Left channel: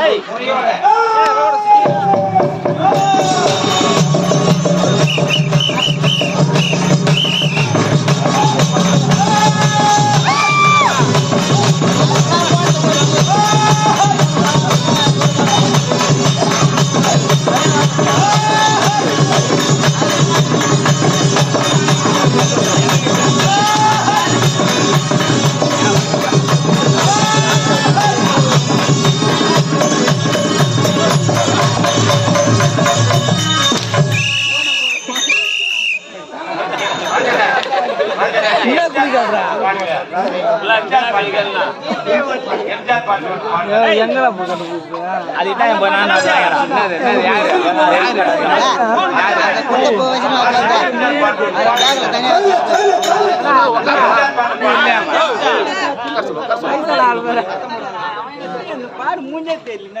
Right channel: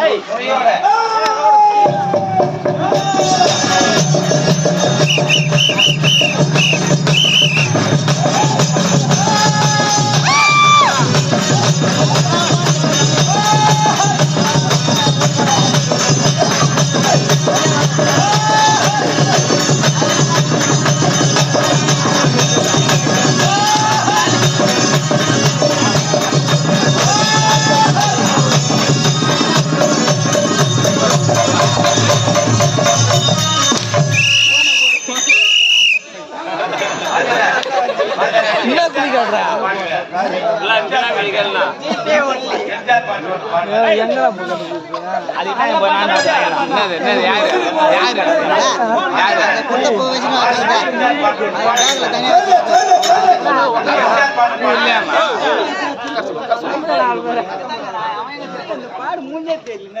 நீ என்ன பிடிக்காதுடா எங்கடா சொல்ல தெரியல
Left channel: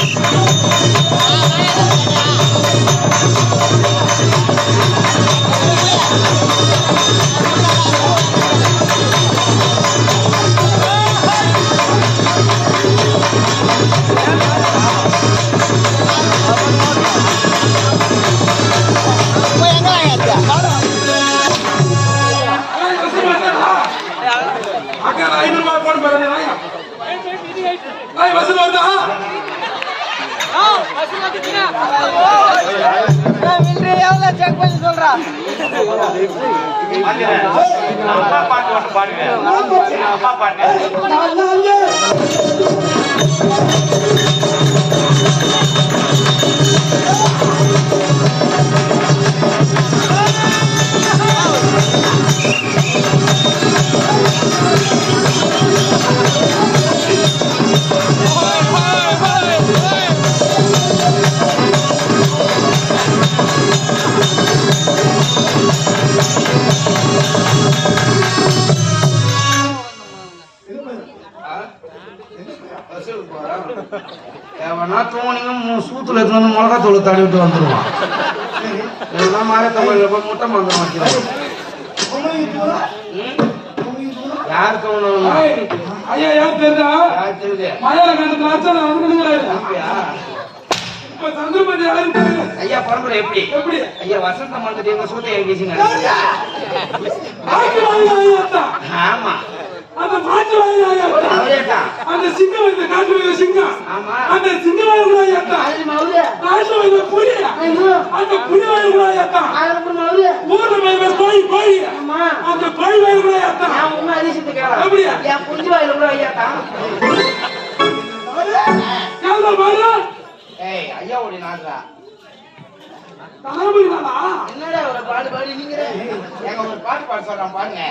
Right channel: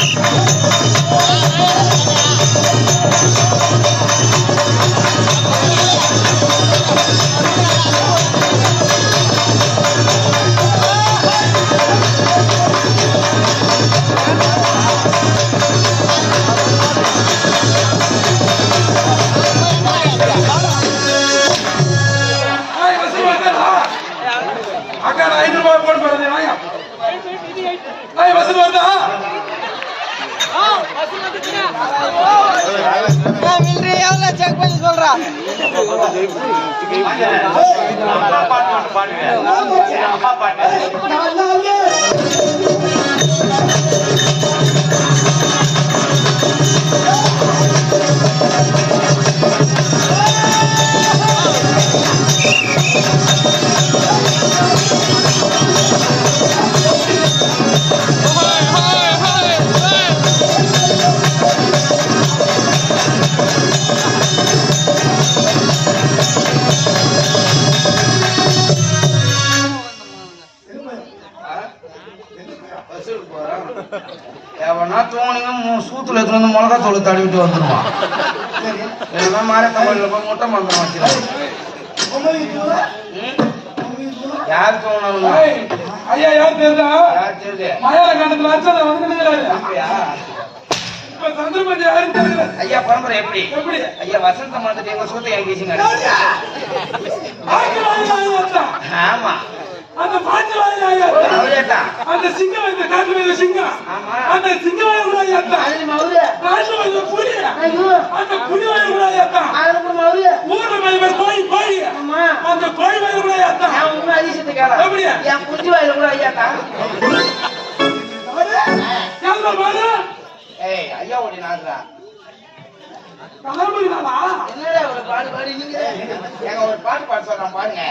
அக்கா நான் ஐநூறு ரூபாய் போட போறேன் வசூல் வந்தா வசூல் எவனா தோணுங்க சூத்துல எடுத்து வந்து மிளகா தூள் தடவிட்டு வந்துருவான் இதெல்லாம் மாதிரி தமிழ்ல போய் முட்டை மங்க மாட்டேன் யார் தோணும் ஐயா யார் யார் தெரியுது மலையாள கண்டத்துல அர்ச்சனை வந்து நின்னுறாரு அப்படியா? இப்ப சந்திரபதி யாரும் தெரியல ஐயா பரம்பரை எப்படி? எப்படி? ஐயா வசந்த மாட்டத்தை எங்க சூத்தை எங்க பேசிங்க ஆமா. அந்த அவரேதான். அந்த சிங்கம் வந்து காட்டு வைத்த சிங்கம். அந்த சிங்கம் வாங்கி கூட ஐயா நாட்டு வைத்த புலி. அந்த புலி வாங்கி கூட ஐயா ஊர்ல வைத்த கோழி கோழி. அந்த கோழி கூட ஐயா எப்படியா என் குஞ்சு வாயில கூட ஐயா தான் யாரும் பாரு ஏய் ஐயா ஓடி நாடுறா நாளா என்னடா ஒரு பாடு பாடு நீங்க எங்க ஒரு பாட்டு பாட இருக்கிறான் பாருங்க.